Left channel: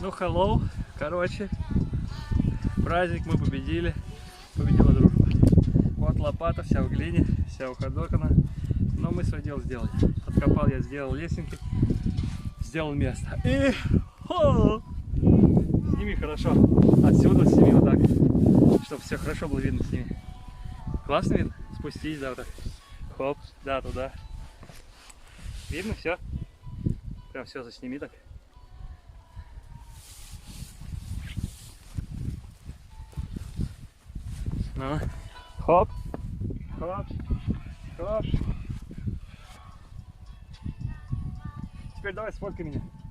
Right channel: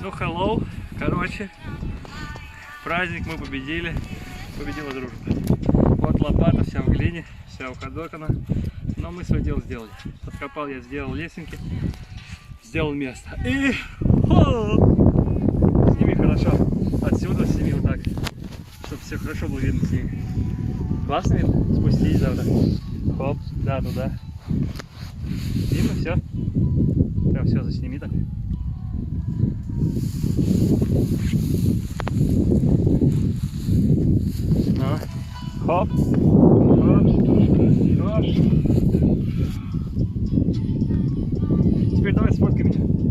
Ну, hello, короче, праздник мы победили, победила дружба. Вот лопата вся в глине, вся уходокана, но мы свое дело сделали. Подкопал я, сделал лесенки, сделал место. И сними хорошо, отсюда сними вот так, чтобы все хорошо было видно сними. Классно видно? Спустись, да, вот так. Хоп, да, туда. Видно все? Прям все засними так. Ну, хоп, хоп, хоп. Теперь давай сфоткай меня.